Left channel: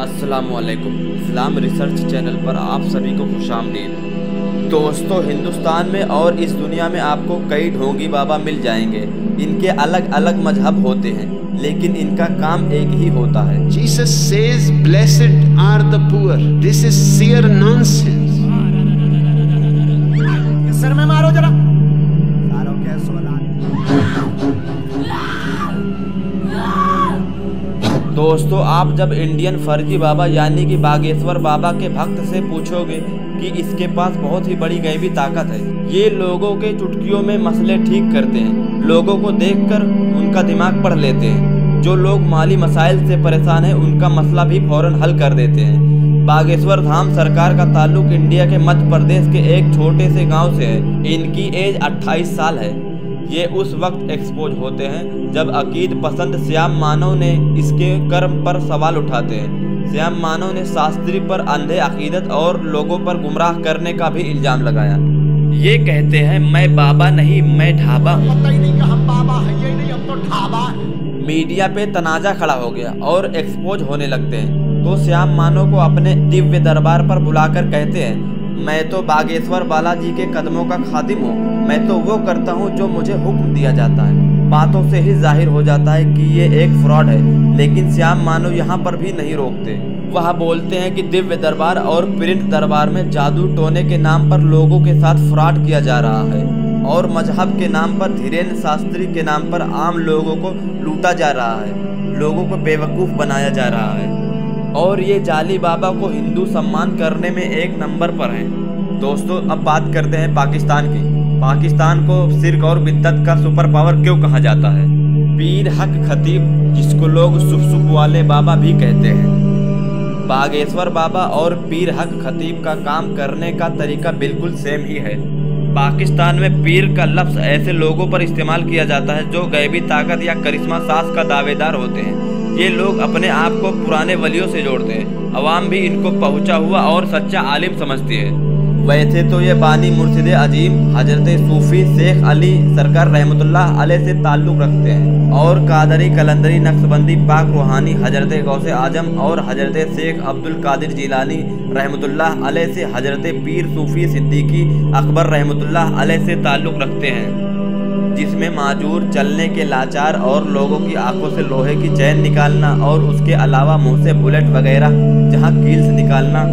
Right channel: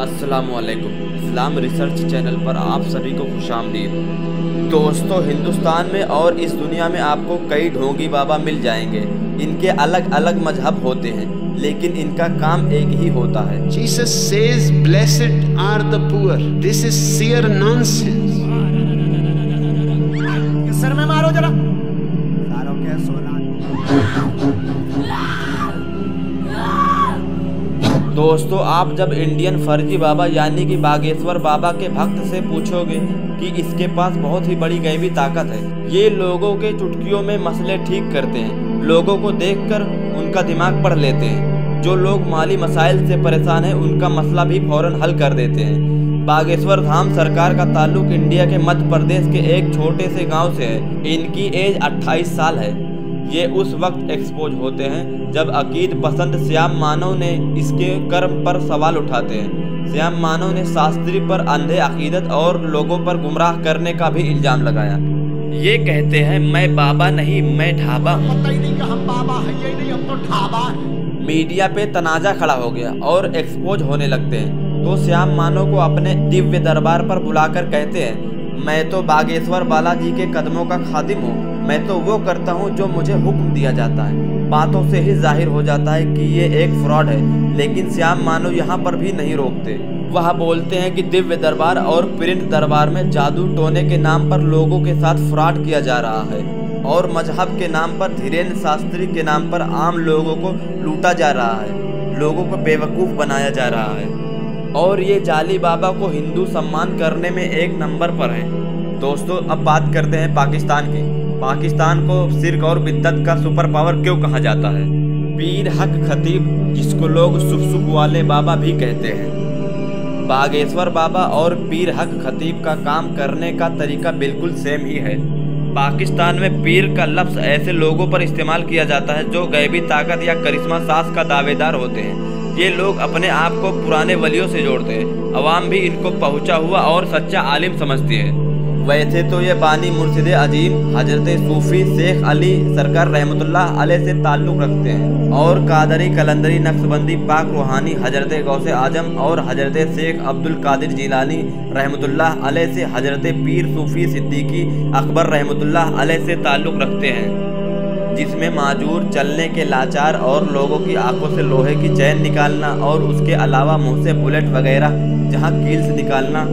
अस्सलामुअलैकुम। इस्लाम research channel पर आप सभी को खुशामदीद। दोस्तों, हिंदुस्तान में और इस दुनिया में आपको कई ढोंगी बाबा मिल जाएंगे। इनके अलग अलग मजहब होते हैं, लेकिन इनका काम एक ही होता है। Jesus says, "Blessed are the poor." This is sheer nonsense. Sir में मारो जरा सारों के सोना। दोस्तों, आप जब इंडियन फर्जी बाबा यानी कि बागेश्वर बाबा के भक्त से पूछोगे कि इसके पास बहुत ही बड़ी गैबी ताकत है, ये लोगों के चुटकियों में मसले ठीक करते हैं, लोगों को देखकर उनका दिमाग पढ़ लेते हैं। जो लोग माली मसाइल से परेशान हैं उनका मसला भी फौरन हल कर देते हैं। बागेश्वर धाम सरकार का ताल्लुक इंडिया के मध्य प्रदेश के एक छोटे से गांव से है। इनकी एज 28 साल है। ये उस वक्त एक्सपोज होते हैं जब अकीद पसंद श्याम मानव ने इसके कर्म पर सवाल उठाते हैं। श्याम मानव ने शास्त्री पर अंधे अकीदत और लोगों पर गुमराह करने का भी इल्जाम लगाया। ये कहते हैं, मैं बाबा नहीं, मैं ढाबा हूँ। पता ही नहीं कि हम बाबा हैं, यही नहीं हम तो ढाबा हैं। मीडिया पे तनाजा खड़ा हो गया और एक्सपोज होने लगते हैं। तो श्याम मानव को अपने दिव्य दरबार पर बुलाकर कहते हैं, मैं तो बागेश्वर बालाजी के कदमों का खादिम हूँ, मैं तो वो करता हूँ जो मुझे हुक्म दिया जाता है। बातों से ही जाहिर हो जाता है कि ये एक फ्रॉड है, लेकिन श्याम मानव यहाँ पर भी नहीं रोकते। वह बोलते हैं कि दिव्य दरबार और प्रिंट दरबार में जादू टोने के नाम पर लोगों के साथ फ्रॉड किया जा रहा है और मजहब के नाम पर धीरेन्द्र शास्त्री के नाम पर आम लोगों को लूटा जा रहा है, लोगों को बेवकूफ़ बनाया जा रहा है और ये जाली बाबा को हिंदू सम्मान करने में एक नंबर पर हैं। दोस्तों, अब बात करते हैं पाकिस्तान की। पाकिस्तान को शिर्क और बिद्दत का सुपर पावर क्यों कहा जाता है? पीर हक खतीब, जिसको लोग सुख वाले बाबा भी कहते हैं। बागेश्वर बाबा और पीर हक खतीब का काम करने का तरीका बिल्कुल सेम ही है। पाकिस्तान में पीर का लफ्ज़ ऐसे लोगों पर इस्तेमाल किया जाता है जो गैबी ताकत या करिश्मा सास का दावेदार होते हैं। ये लोग अपने आप को पुराने वलियों से जोड़ते हैं। अवाम भी इनको पहुंचा हुआ और सच्चा आलिम समझती है। वैसे तो ये बानी मुर्शिद अजीम हजरत सूफी शेख अली सरकार रहमतुल्लाह अलैह से ताल्लुक़ रखते हैं और कादरी कलंदरी नक्शबंदी पाक रूहानी हजरत गौसे आजम और हजरत शेख अब्दुल कादिर जिलानी रहमतुल्लाह अलैह से हजरत पीर सूफी सिद्दीकी अकबर रहमतुल्लाह अलैह से ताल्लुक़ रखते हैं, जिसमें माजूर, चलने के लाचार और लोगों की आंखों से लोहे की चैन निकालना और उसके अलावा मुंह से बुलेट वगैरह जहां कील्स निकालना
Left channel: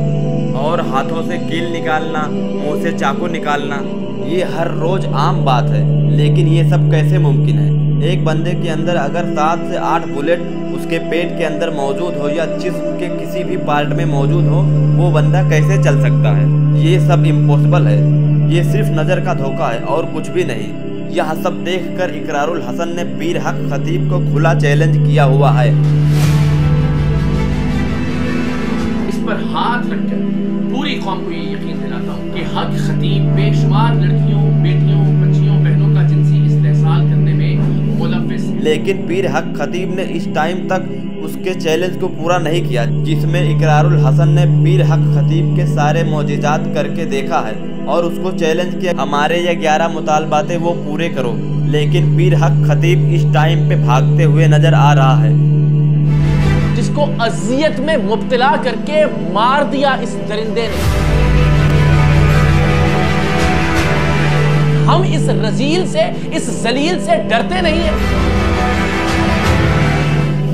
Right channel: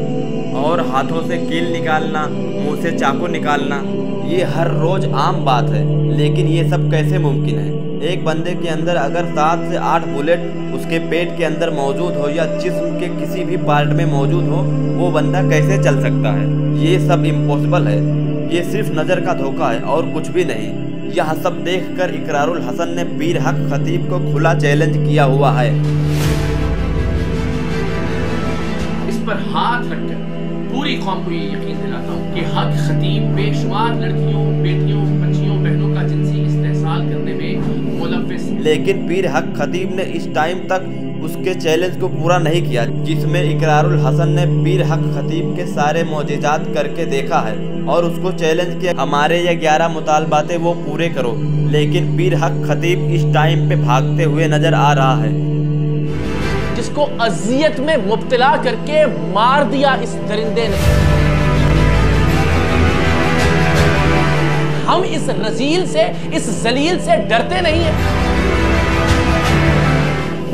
और हाथों से कील निकालना, मुंह से चाकू निकालना, ये हर रोज आम बात है। लेकिन ये सब कैसे मुमकिन है? एक बंदे के अंदर अगर 7 से 8 बुलेट उसके पेट के अंदर मौजूद हो या जिस्म के किसी भी पार्ट में मौजूद हो, वो बंदा कैसे चल सकता है? ये सब इम्पॉसिबल है। ये सिर्फ नज़र का धोखा है और कुछ भी नहीं। यह सब देखकर इकरारुल हसन ने पीर हक खतीब को खुला चैलेंज किया हुआ है। इस पर हाथ रखकर पूरी कौम को ये यकीन दिलाता हूँ कि हक खतीब बेशुमार लड़कियों, बेटियों, बच्चियों, बहनों का जिनसी इस्तेहसाल करने में मुलव्विस है। लेकिन पीर हक खतीब ने इस टाइम तक उसके चैलेंज को पूरा नहीं किया, जिसमें इकरारुल हसन ने पीर हक खतीब के सारे मौजिज़ात करके देखा है और उसको चैलेंज किया, हमारे ये 11 मुतालबातें वो पूरे करो। लेकिन पीर हक खतीब इस टाइम पे भागते हुए नजर आ रहा है। जिसको अजियत में मुब्तला करके मार दिया इस दरिंदे ने। हम इस रजील से, इस जलील से डरते नहीं हैं।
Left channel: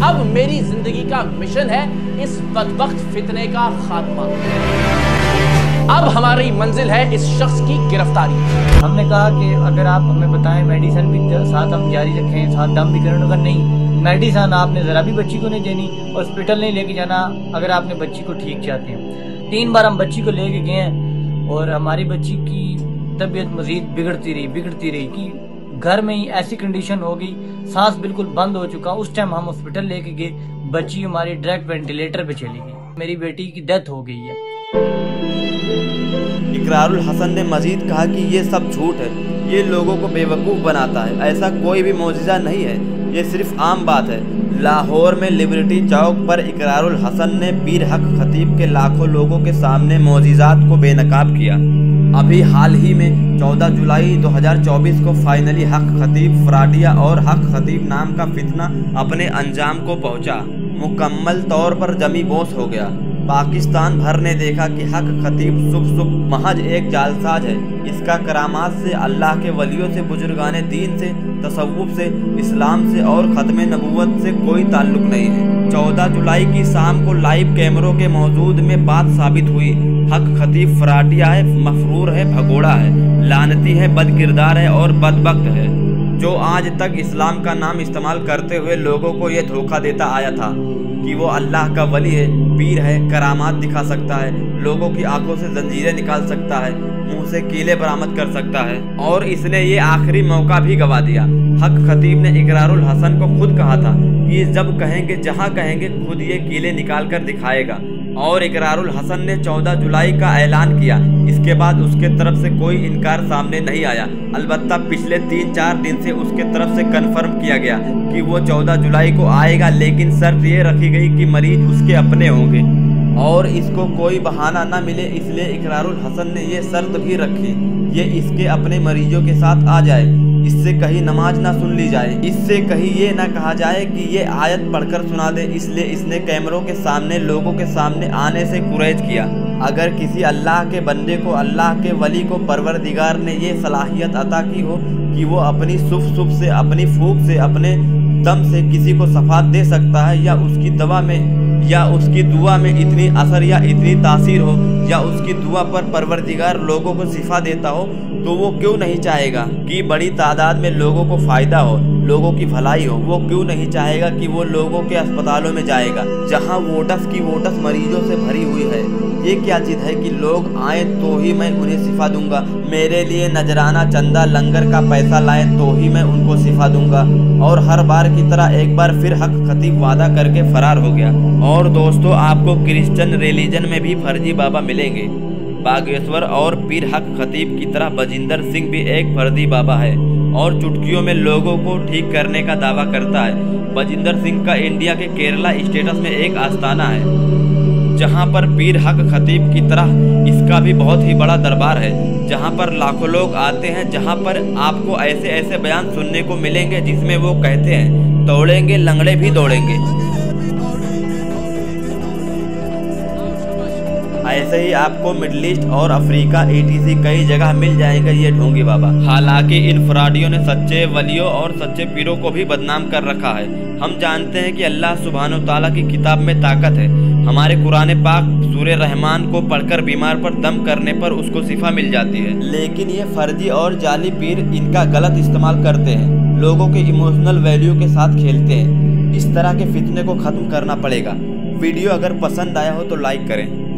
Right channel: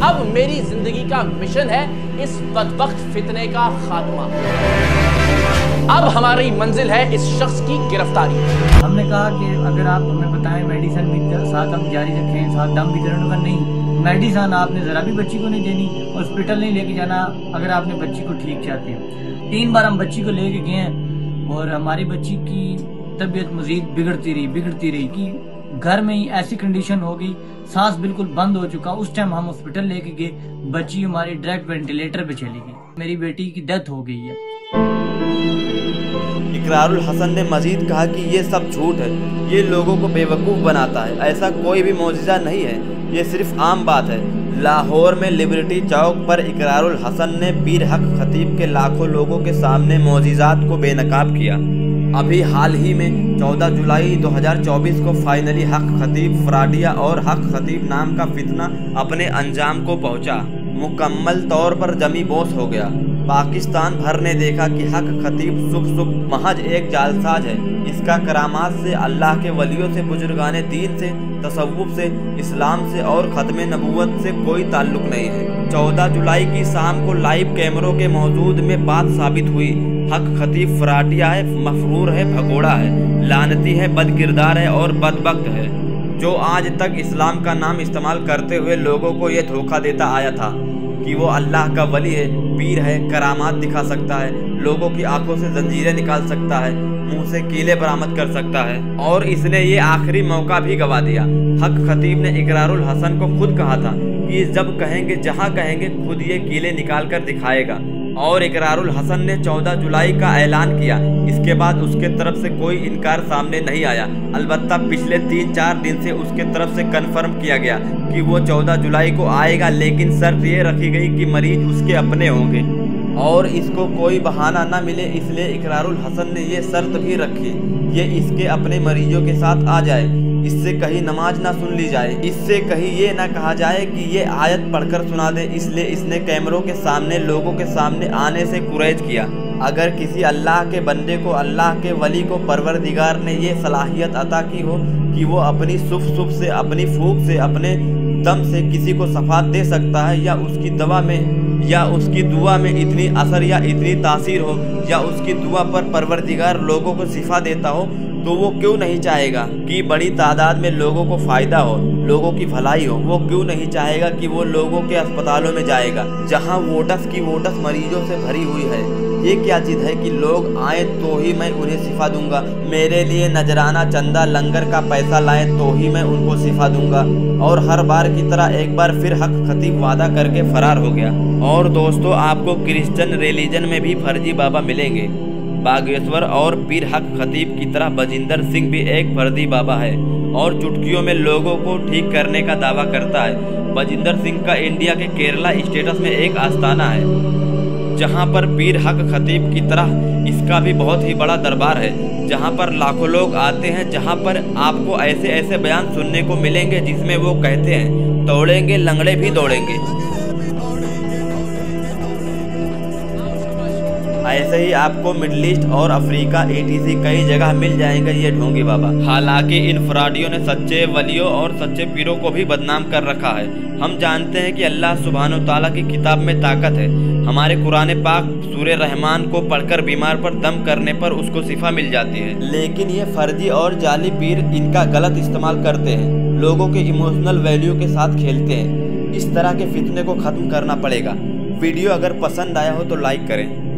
अब मेरी जिंदगी का मिशन है इस बदबख्त फितने का खात्मा। अब हमारी मंजिल है इस शख्स की गिरफ्तारी। हमने कहा कि अगर आप हमें बताएं मेडिसिन भी साथ हम जारी रखें, साथ दम भी करें। नहीं, मेडिसिन आपने ज़रा भी बच्ची को नहीं देनी, हॉस्पिटल नहीं लेके जाना अगर आपने बच्ची को ठीक चाहते हो। 3 बार हम बच्ची को लेके गए हैं और हमारी बच्ची की तबीयत मजीद बिगड़ती रही कि घर में ही ऐसी कंडीशन हो गई, सांस बिल्कुल बंद हो चुका। उस टाइम हम हॉस्पिटल लेके गए, बच्ची हमारी डायरेक्ट वेंटिलेटर पे चली गई। मेरी बेटी की डेथ हो गई है। इकरारुल हसन ने मजीद कहा कि ये सब झूठ है, ये लोगों को बेवकूफ़ बनाता है, ऐसा कोई भी मौजिज़ा नहीं है, ये सिर्फ आम बात है। लाहौर में लिबर्टी चौक पर इकरारुल हसन ने पीर हक खतीब के लाखों लोगों के सामने मौजिज़ात को बेनकाब किया। अभी हाल ही में 14 जुलाई 2024 को फाइनली हक खतीब फ्राडिया और हक खतीब नाम का फितना अपने अंजाम को पहुंचा। मुकम्मल तौर पर जमी बोस हो गया। पाकिस्तान भर ने देखा कि हक खतीब सुब महज एक जालसाज है। इसका करामात से, अल्लाह के वलियों से, बुजुर्गाने दीन से, तसव्वुफ से, इस्लाम से और ख़त्म नबूवत से कोई ताल्लुक नहीं है। 14 जुलाई की शाम को लाइव कैमरों के मौजूद में बात साबित हुई। हक खतीब फराटिया है, मफरूर है, भगोड़ा है, लानती है, बदकिरदार है और बदबख्त है, जो आज तक इस्लाम का नाम इस्तेमाल करते हुए लोगों को ये धोखा देता आया था कि वो अल्लाह का वली है, पीर है, करामात दिखा सकता है, लोगों की आंखों से जंजीरें निकाल सकता है, मुंह से कीले बरामद कर सकता है। और इसने ये आखिरी मौका भी गवा दिया। हक खतीब ने इकरारुल हसन को खुद कहा था कि जब कहेंगे, जहां कहेंगे, खुद ये कीले निकाल कर दिखाएगा। और इकरारुल हसन ने 14 जुलाई का ऐलान किया। इसके बाद उसके तरफ से कोई इनकार सामने नहीं आया। अलबत्ता पिछले 3-4 दिन से उसके तरफ से कन्फर्म किया गया कि वो 14 जुलाई को आएगा, लेकिन शर्त ये रखी गई कि मरीज उसके अपने होंगे और इसको कोई बहाना ना मिले। इसलिए इकरारुल हसन ने ये शर्त भी रखी, ये इसके अपने मरीजों के साथ आ जाए, इससे कहीं नमाज ना सुन ली जाए, इससे कहीं ये ना कहा जाए कि ये आयत पढ़कर सुना दे। इसलिए इसने कैमरों के सामने, लोगों के सामने आने से गुरेज किया। अगर किसी अल्लाह के बंदे को, अल्लाह के वली को परवरदिगार ने ये सलाहियत अता की हो कि वो अपनी सुफ से, अपनी फूक से, अपने दम से किसी को शफात दे सकता है, या उसकी दवा में या उसकी दुआ में इतनी असर या इतनी तासीर हो, या उसकी दुआ पर परवरदिगार लोगों को शिफा देता हो, तो वो क्यों नहीं चाहेगा कि बड़ी तादाद में लोगों को फ़ायदा हो, लोगों की भलाई हो। वो क्यों नहीं चाहेगा कि वो लोगों के अस्पतालों में जाएगा जहां वोटस की वोटस मरीजों से भरी हुई है। ये क्या जिद है कि लोग आए तो ही मैं उन्हें शिफा दूंगा, मेरे लिए नजराना, चंदा, लंगर का पैसा लाए तो ही मैं उनको शिफा दूंगा। और हर बार की तरह एक बार फिर हक खतीब वादा करके फरार हो गया। और दोस्तों, आपको क्रिश्चियन रिलीजन में भी फर्जी बाबा मिलेंगे। बागेश्वर और पीर हक खतीब की तरह बजिंदर सिंह भी एक फर्जी बाबा है और चुटकियों में लोगों को ठीक करने का दावा करता है। बजिंदर सिंह का इंडिया के केरला स्टेट्स में एक आस्थाना है, जहां पर पीर हक खतीब की तरह इसका भी बहुत ही बड़ा दरबार है, जहां पर लाखों लोग आते हैं, जहां पर आपको ऐसे ऐसे बयान सुनने को मिलेंगे जिसमें वो कहते हैं, दौड़ेंगे लंगड़े भी दौड़ेंगे। ऐसे ही आपको मिडिल ईस्ट और अफ्रीका ETC कई जगह मिल जाएंगे ये ढोंगी बाबा। हालांकि इन फराडियों ने सच्चे वलियों और सच्चे पीरों को भी बदनाम कर रखा है। हम जानते हैं कि अल्लाह सुब्हानो ताला की किताब में ताकत है। हमारे कुरान पाक सूरे रहमान को पढ़कर बीमार पर दम करने पर उसको शिफा मिल जाती है, लेकिन ये फर्जी और जाली पीर इनका गलत इस्तेमाल करते हैं, लोगों के इमोशनल वैल्यू के साथ खेलते हैं। इस तरह के फितने को खत्म करना पड़ेगा। वीडियो अगर पसंद आया हो तो लाइक करें।